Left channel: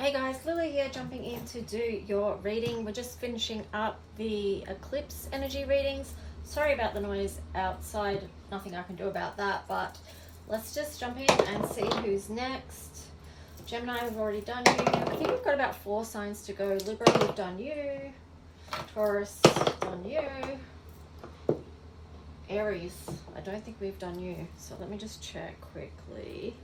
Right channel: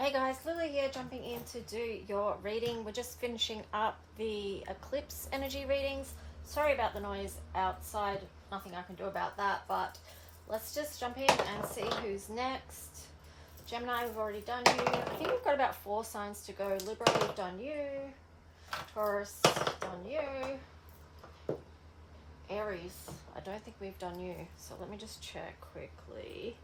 Hey guys, Lily here, jumping in to do your reading. We're just finishing up the eclipse energy readings. Sorry about the noise outside, nothing I can do about that, but let's just jump in and see who's next. Gemini, we've already done you. I think we've got about 4 signs to go. Libra, we've done you. Taurus, done you. Aries, I don't think we've done you. So let me just check quickly.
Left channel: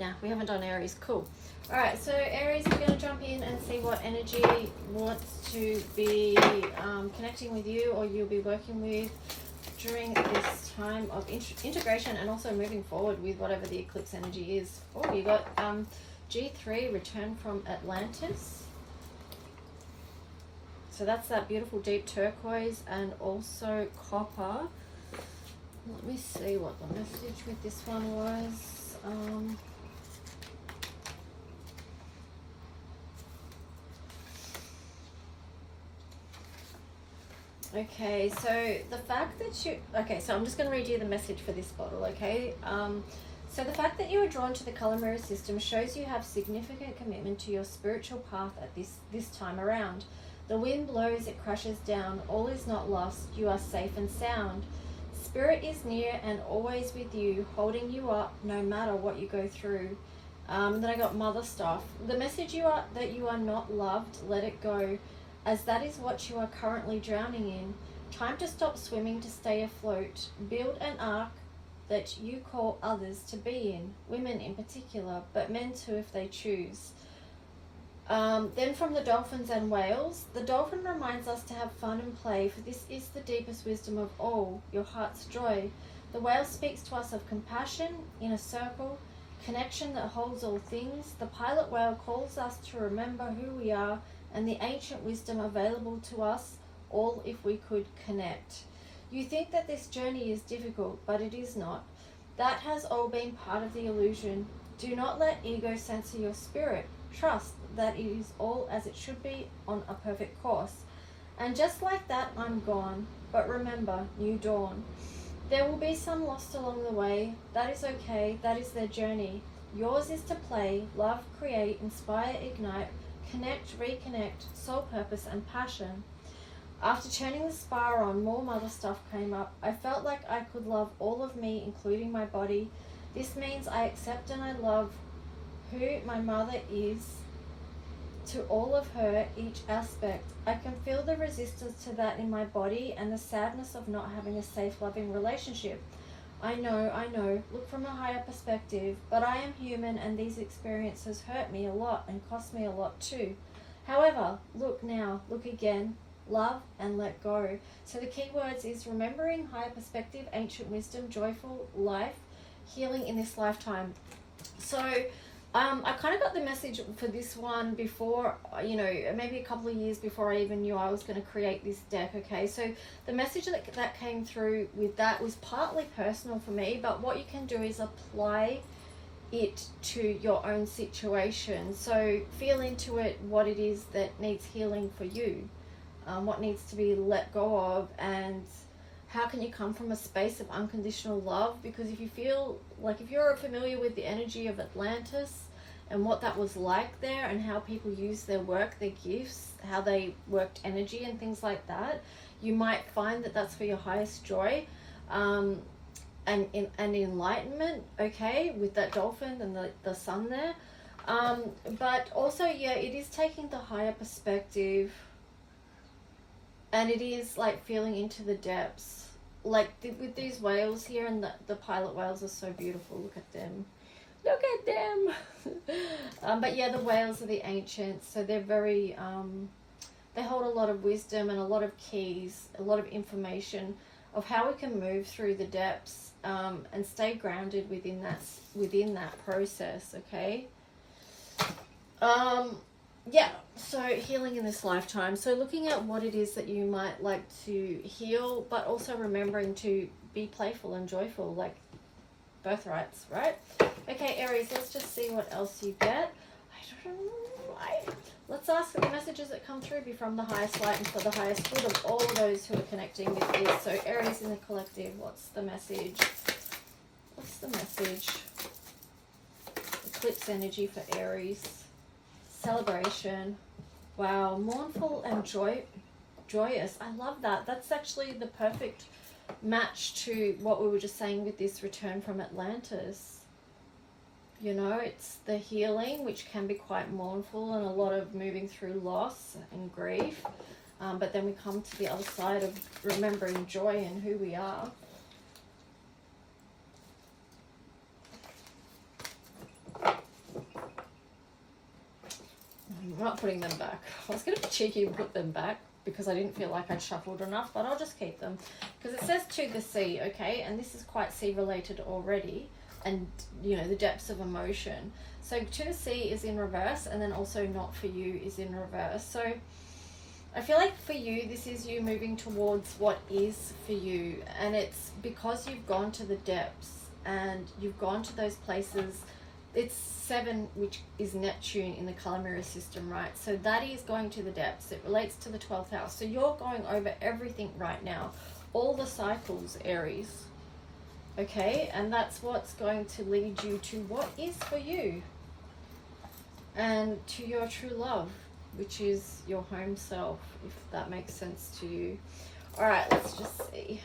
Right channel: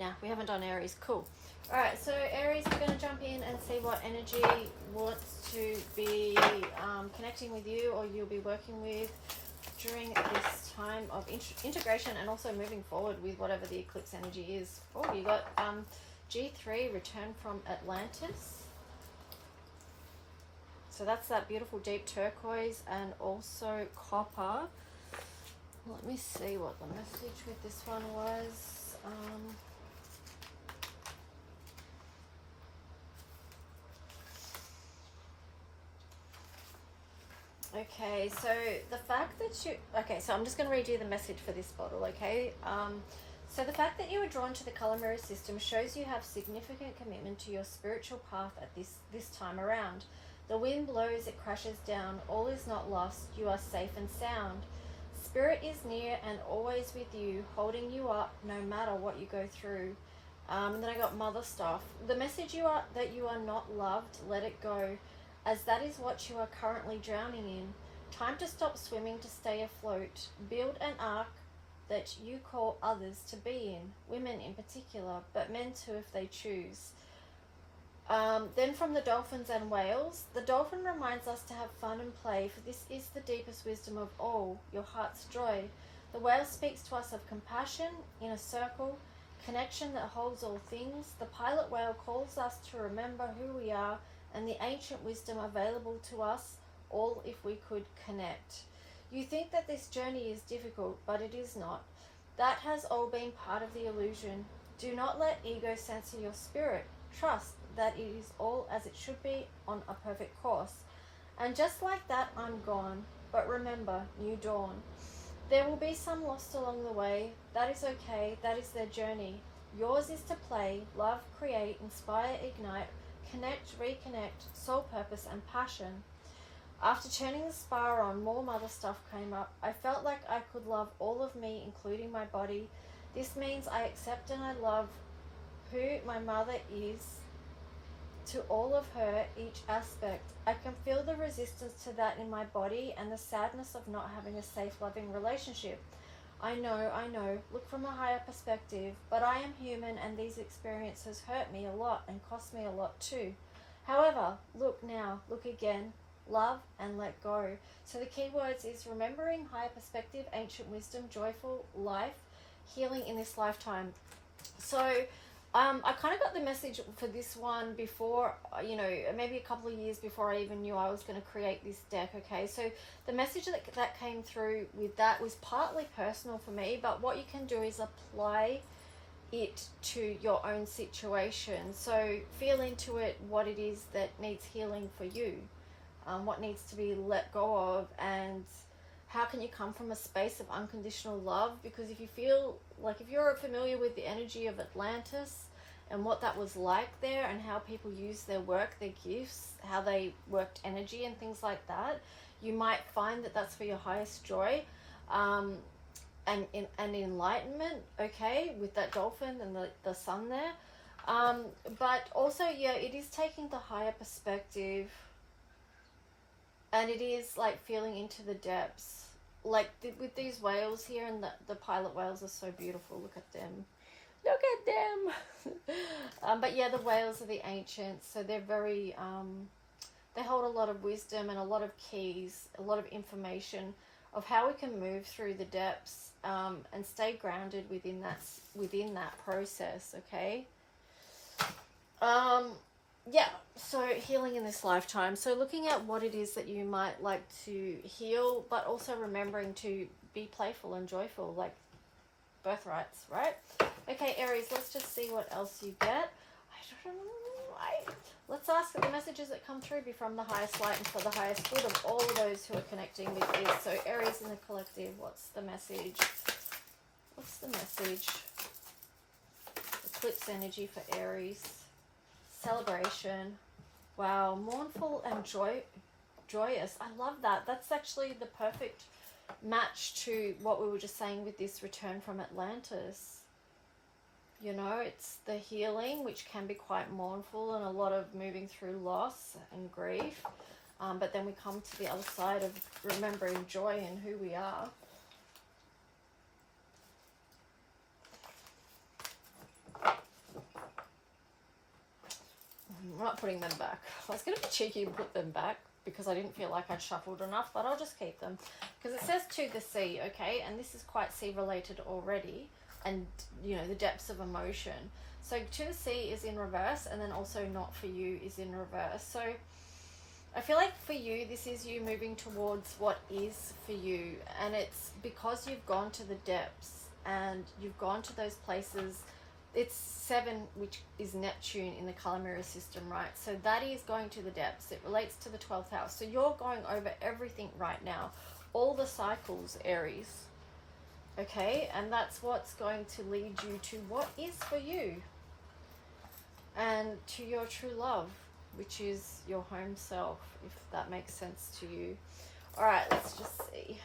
Yeah, we haven't done Aries. Cool. All right, so Aries, we're going to jump in and see what energy wants to be connecting with you, or you'll be working with during this time of integration, and also moving forward with whatever the eclipse energy is. Oh, you got G3, Return from Atlantis. So that's that beautiful deep turquoise and also copper. Let me see what the message with this one was. Okay, so the fact that you... Okay, so I'm just going to read you the message for this bottle, okay? So the fact that you are drawn to the color mirror system shows you have significant commitment to your spiritual path at this time around. The wind blows, it crashes down. All is not lost. You are safe and sound. Spirit is near and always with you, holding you up no matter what you go through. Then I got mother stuff. The message that you are not loved, let it go, as that is what you are currently drowning in. Time to stop swimming to stay afloat. Build an ark that you call others to be in, women in particular, but men too if they choose. Then from the dolphins and whales, the dolphin reminds us to have fun and play, for this is the deepest wisdom of all, your heart's joy. The whale speaks to us of compassion in a circle, connection that holds all things. The pilot whale calls us to remember who we are and the ancient wisdom available to us all if we could connect. You think that this journey is difficult, but it is not. That has all been part of the illusion. Do not let ego censor your spirit. Trust that it is all as it should be on a perfect course. And just like that, I'm gone. But remember, new dawn. There will be some lost along the way. That is okay. That is their journey. Yours is to play, love, create, inspire, ignite, connect, reconnect, soul purpose and passion. After turning the spa on, more mother stuff came up. I felt like I could love all of me, including my body. This means I accept and I love who my mother is, to all of her, each aspect. I can feel the resistance to that in my body and the sadness of not having a safe, loving relationship. I know, look from a higher perspective, but I am human and these experiences hurt me a lot and cost me a lot too. However, look now, look again, love and let go. So the key words is remembering, higher perspective, ancient wisdom, joyful life, healing in this lifetime. So I kind of got the message for this one before, maybe a couple of years before I even knew I was going to create this deck, okay? So the message that came through with that was partly personal for me, but what you can do is apply it to your own situation. So feel into it what it is that needs healing for you, what needs to be let go of, and how can you come from a space of unconditional love? Because if you feel like, if you're familiar with the energy of Atlantis and what that was like there, and how people use their work, their gifts, how they worked energy and things like that, you might find that that's for your highest joy and enlightenment, okay, with that dolphin and the sun there. But also, yeah, it is taking the higher perspective, and it is like feeling into the depths, like with these whales here, and the pilot whales are so beautiful. Look at them. But yeah, the whales are the ancients, so they're very they hold a lot of wisdom and a lot of keys, a lot of information of how we can move through the depths and stay grounded within that process, okay? Yeah, so healing in this lifetime. So looking at what it is that you might like to heal, but also remembering to be playful and joyful, like birthrights, right? Okay, Aries, let's just see what else you get. I don't know. Let's ask that the messages that come through be from the highest light and for the highest good of all those who are connecting with this. So Aries in the collective, what's the message? What's the message? Eclipse energy for Aries. Celebration. Wow, mournful and joyous. I love that. That's actually the perfect match to what we were just saying with this return from Atlantis. You know, it's the healing, which can be quite mournful and a lot of moving through loss and grief. But then we come to the other side of remembering joy and who we are. I'm not putting them back. I was going to be cheeky and put them back because I didn't feel like I'd shuffled enough, but I'll just keep them. Because it says to the sea, okay? And this is quite sea related already. And, you know, the depths of emotion. So to the sea is in reverse, and then also not for you is in reverse. So I feel like for you, this is you moving towards what is for you. And it's because you've gone to the depths and you've gone to those places. It's 7, which is Neptune in the color mirror system, right? So that is going to the depths. It relates to the 12th house. So you're going over everything right now. All the cycles, Aries. Okay, and that's what's going to lead you to what is for you and to your true love, which is your home self, if that makes sense to you. All right, let's just see.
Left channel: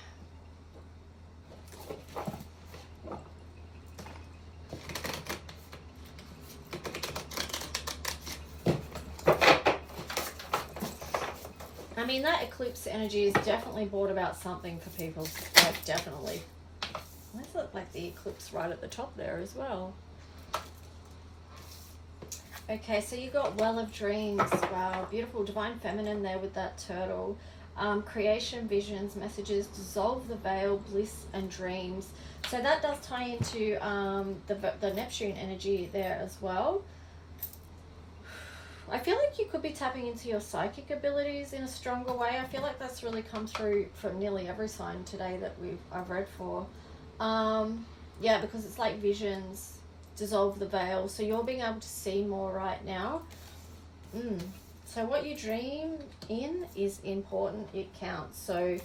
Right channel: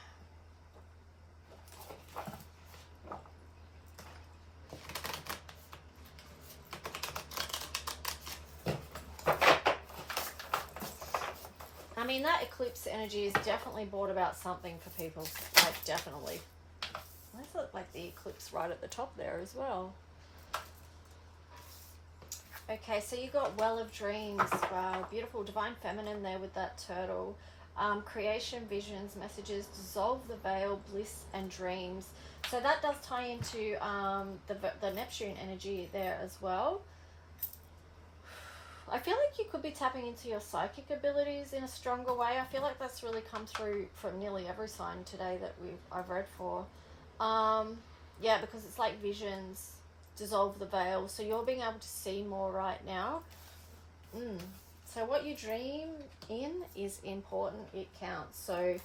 I mean, that eclipse energy is definitely brought about something for people, like definitely. Why is it like the eclipse right at the top there as well? Okay, so you got Well of Dreams. Wow, beautiful divine feminine there with that turtle. Creation, visions, messages, dissolve the veil, bliss and dreams. So that does tie into the Neptune energy there as well. I feel like you could be tapping into your psychic abilities in a stronger way. I feel like that's really come through from nearly every sign today that I've read for. Yeah, because it's like visions, dissolve the veil. So you're being able to see more right now. So what you dream in is important. It counts. So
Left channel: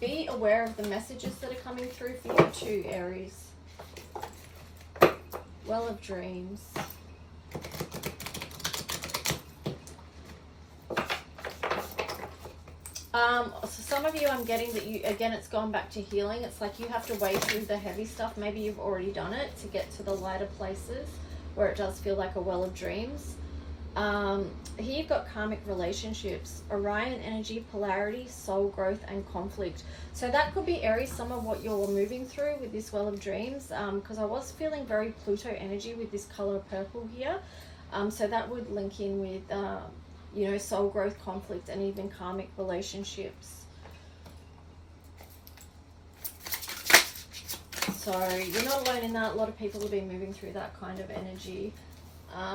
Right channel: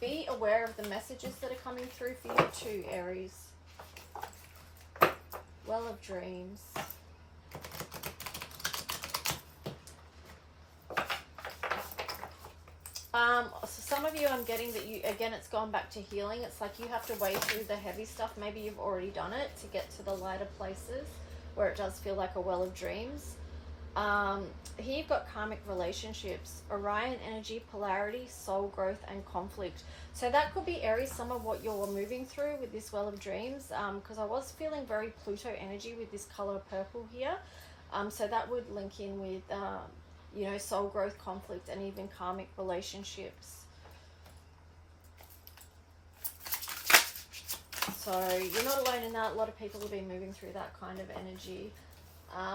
be aware of the messages that are coming through for you too, Aries. Well of Dreams. So some of you, I'm getting that you, again, it's gone back to healing. It's like you have to wade through the heavy stuff. Maybe you've already done it to get to the lighter places where it does feel like a well of dreams. Here you've got karmic relationships, Orion energy, polarity, soul growth, and conflict. So that could be, Aries, some of what you're moving through with this well of dreams, because I was feeling very Pluto energy with this color purple here. So that would link in with, you know, soul growth, conflict, and even karmic relationships. So you're not alone in that. A lot of people have been moving through that kind of energy.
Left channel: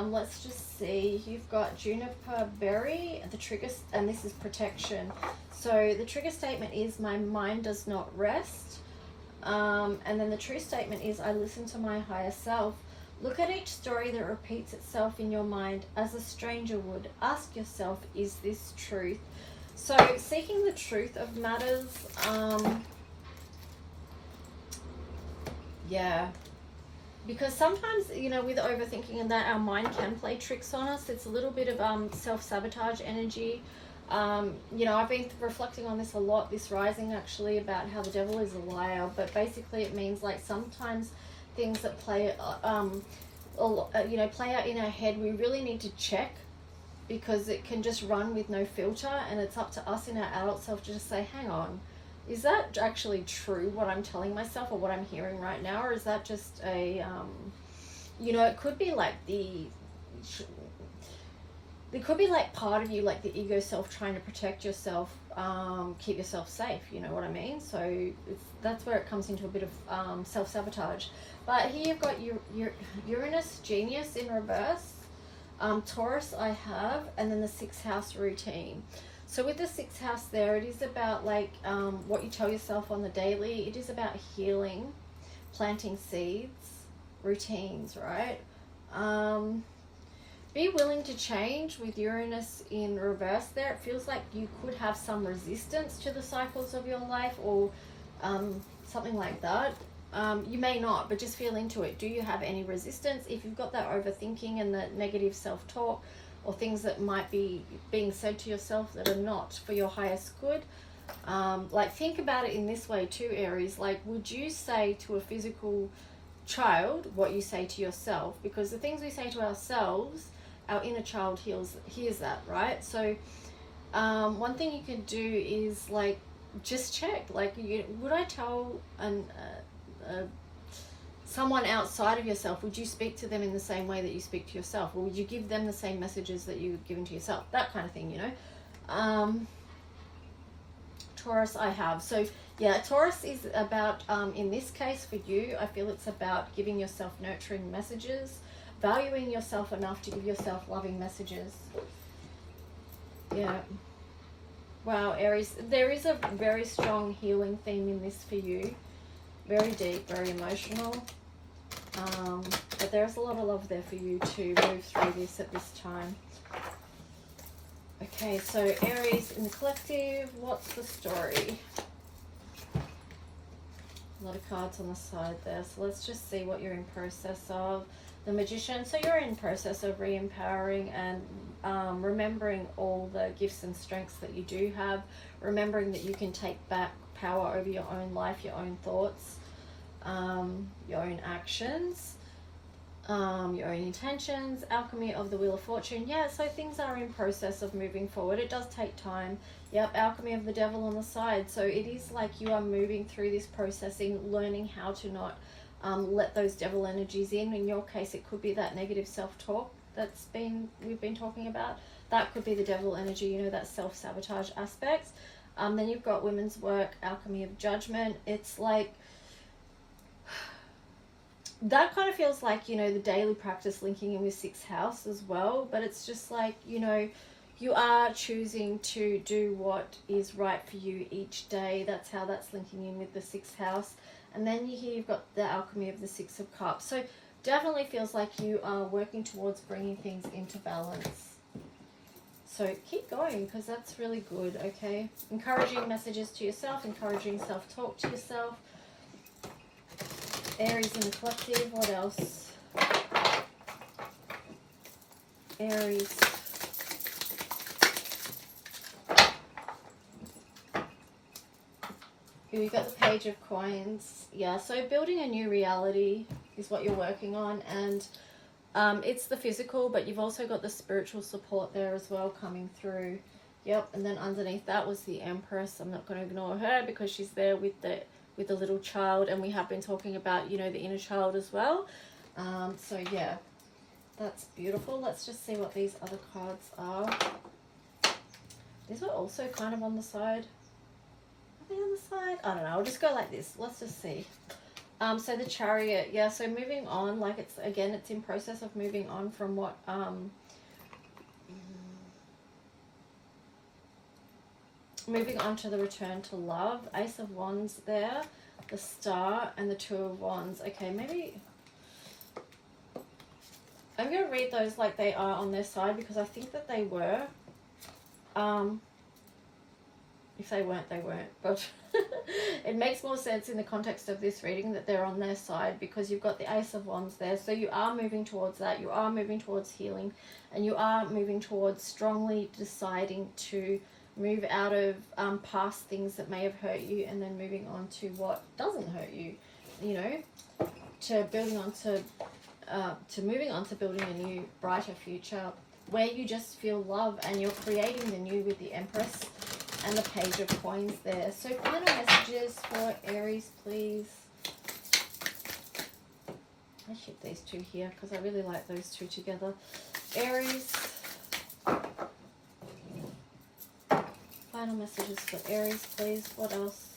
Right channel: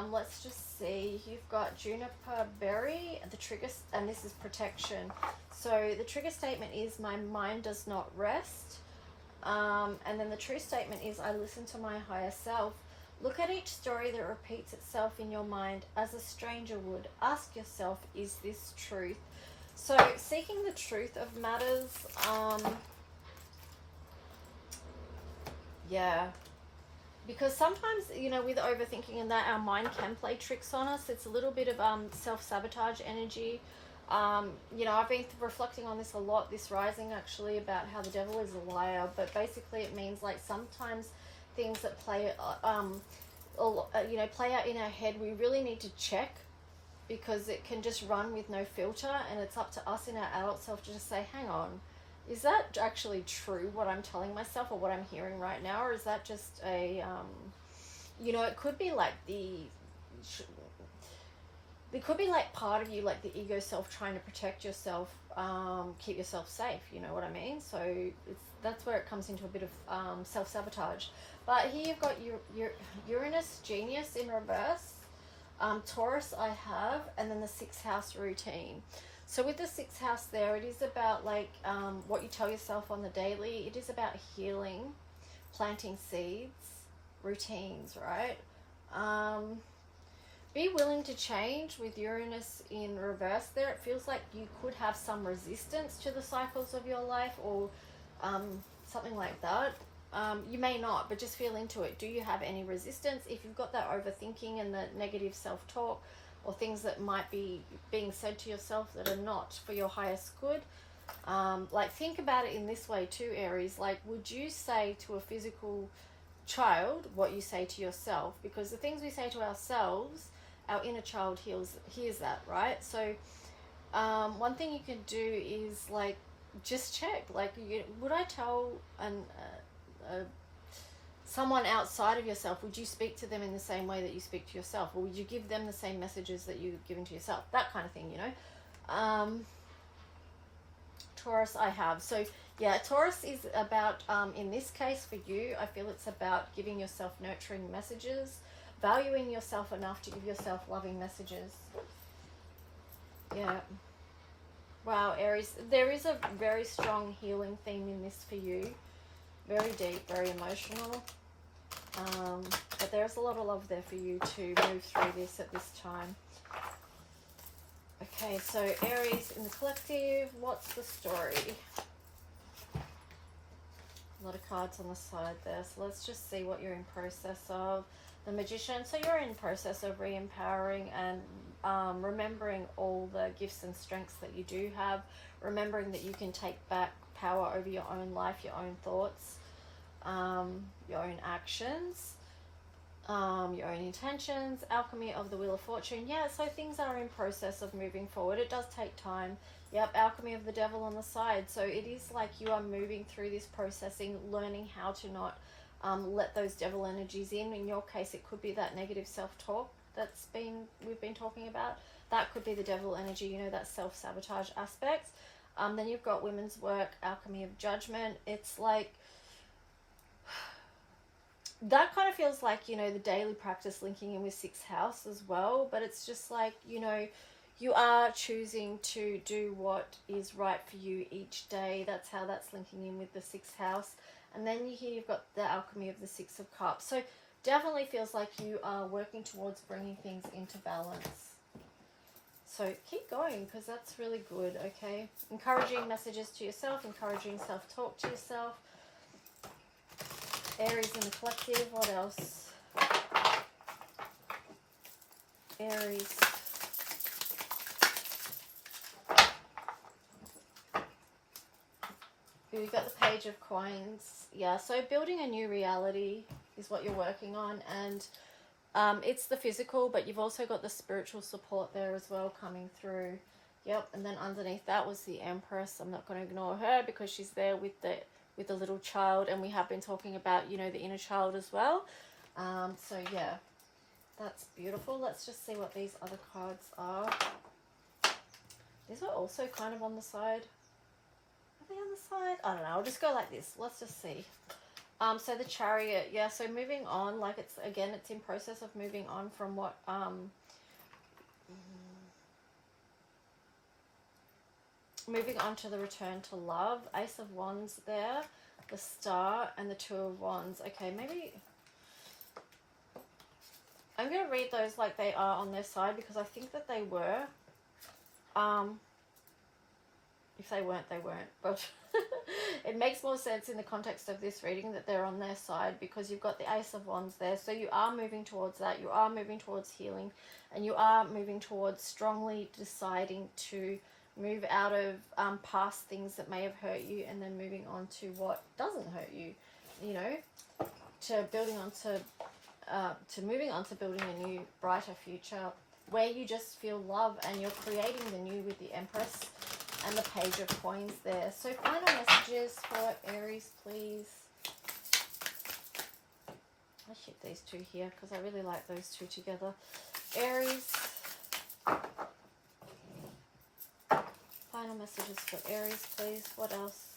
Let's just see. You've got Juniper Berry, the trigger, and this is protection. So the trigger statement is, my mind does not rest. And then the true statement is, I listen to my higher self. Look at each story that repeats itself in your mind as a stranger would. Ask yourself, is this truth? So seeking the truth of matters, yeah. Because sometimes, you know, with overthinking and that, our mind can play tricks on us. It's a little bit of self-sabotage energy. You know, I've been reflecting on this a lot, this rising actually, about how the devil is a liar. But basically it means like sometimes things that play, you know, play out in our head, we really need to check, because it can just run with no filter. And it's up to us in our adult self to just say, hang on, is that actually true, what I'm telling myself or what I'm hearing right now? Or is that just a, you know, it could be like it could be like part of you, like the ego self trying to protect yourself, keep yourself safe, you know what I mean? So that's where it comes into a bit of self-sabotage. But here you've got your Uranus genius in reverse, Taurus I have, and then the 6th house routine. So with the 6th house there, it is about like what you tell yourself on the daily. It is about healing, planting seeds, routines, right? Be willing to change with Uranus in reverse there. It feels like you could have some resistance to the cycles of your life, or something like that. You may not, but just feel into it. Do you have any resistance? If you've got that overthinking and the negative self-talk, or things that might be being said to yourself that are not for your highest good, like think about it in this way too, Aries. Like, would you say to a physical child what you say to yourself? Because the things we say to ourselves, our inner child hears that, right? So one thing you can do is like just check, like, would I tell someone outside of yourself, would you speak to them in the same way that you speak to yourself, or would you give them the same messages that you've given to yourself? That kind of thing, you know. Taurus, I have. So yeah, Taurus is about, in this case for you, I feel it's about giving yourself nurturing messages, valuing yourself enough to give yourself loving messages. Yeah. Wow, Aries, there is a very strong healing theme in this for you. Very deep, very emotional. But there's a lot of love there for you to move through this at this time. Okay, so Aries in the collective, what's the story? A lot of cards on the side there, so let's just see what you're in process of. The Magician, so you're in process of re-empowering and remembering all the gifts and strengths that you do have, remembering that you can take back power over your own life, your own thoughts, your own actions, your own intentions. Alchemy of the Wheel of Fortune. Yeah, so things are in process of moving forward. It does take time. Yep, Alchemy of the Devil on the side. So it is like you are moving through this processing, learning how to not let those devil energies in. In your case, it could be that negative self-talk we've been talking about. That could be the devil energy, you know, that self-sabotage aspect. Then you've got Women's Work, Alchemy of Judgment. It's like, that kind of feels like, you know, the daily practice linking in with 6th house as well. But it's just like, you know, you are choosing to do what is right for you each day. That's how that's linking in with the 6th house. And then here you've got the Alchemy of the 6 of Cups. So definitely feels like you are working towards bringing things into balance. So keep going, because that's really good, okay? Encouraging messages to yourself, encouraging self-talk to yourself. Aries in the collective, what else? Aries. Here we've got the Page of Coins. Yeah, so building a new reality is what you're working on, and it's the physical, but you've also got the spiritual support there as well coming through. Yep, and then underneath that was the Empress. I'm not going to ignore her because she's there with the little child, and we have been talking about, you know, the inner child as well. So yeah, that's beautiful. Let's just see what these other cards are. These are also kind of on the side. Are they on the side? I don't know. I'll just go like this. Let's just see. So the Chariot, yeah, so moving on, like it's in process of moving on from what, moving on to the Return to Love. Ace of Wands there, the Star, and the Two of Wands. Okay, maybe I'm going to read those like they are on their side, because I think that they were. If they weren't, they weren't. But it makes more sense in the context of this reading that they're on their side, because you've got the Ace of Wands there. So you are moving towards that. You are moving towards healing, and you are moving towards strongly deciding to move out of past things that may have hurt you, and then moving on to what doesn't hurt you, you know, to building on to moving on to building a new, brighter future where you just feel love, and you're creating the new with the Empress and the Page of Coins there. So final messages for Aries, please. I'll shift these two here because I really like those two together. Aries. Final messages for Aries, please. What else?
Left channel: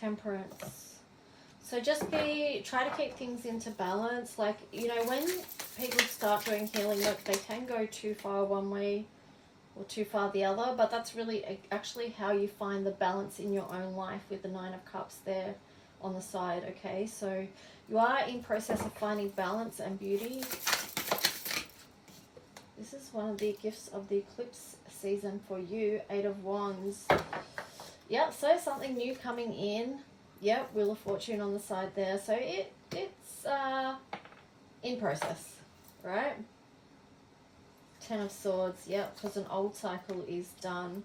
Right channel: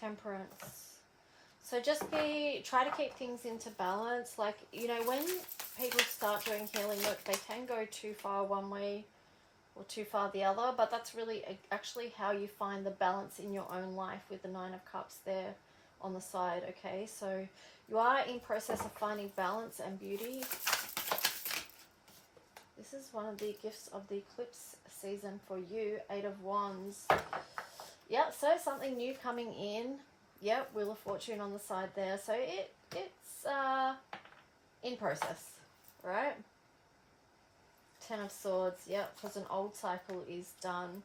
Temperance. So just try to keep things into balance. Like, you know, when people start doing healing work, they can go too far one way or too far the other, but that's really actually how you find the balance in your own life with the Nine of Cups there. on the side, okay? So you are in process of finding balance and beauty. This is one of the gifts of the eclipse season for you. 8 of Wands. Yep, so something new coming in. Yep, Wheel of Fortune on the side there. So it's in process, right? 10 of Swords. Yep, because an old cycle is done.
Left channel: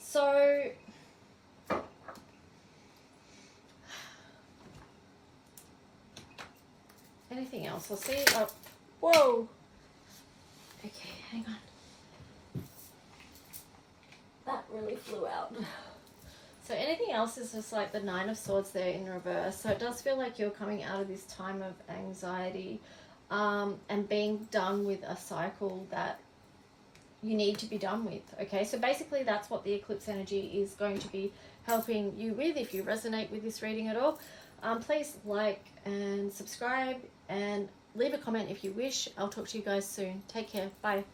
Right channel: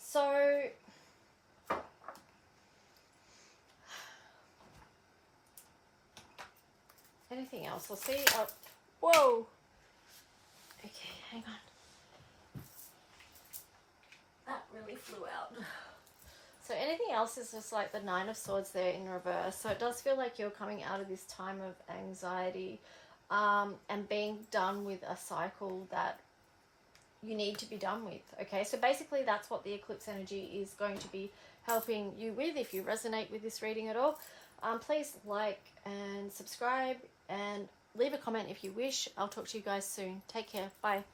So anything else? I'll see. Oh, whoa. Okay, hang on. That really flew out. So anything else is just like the 9 of Swords there in reverse. So it does feel like you're coming out of this time of anxiety and being done with a cycle that you need to be done with. Okay, so basically that's what the eclipse energy is going to be helping you with. If you resonate with this reading at all, please like and subscribe and leave a comment if you wish. I'll talk to you guys soon. Take care. Bye.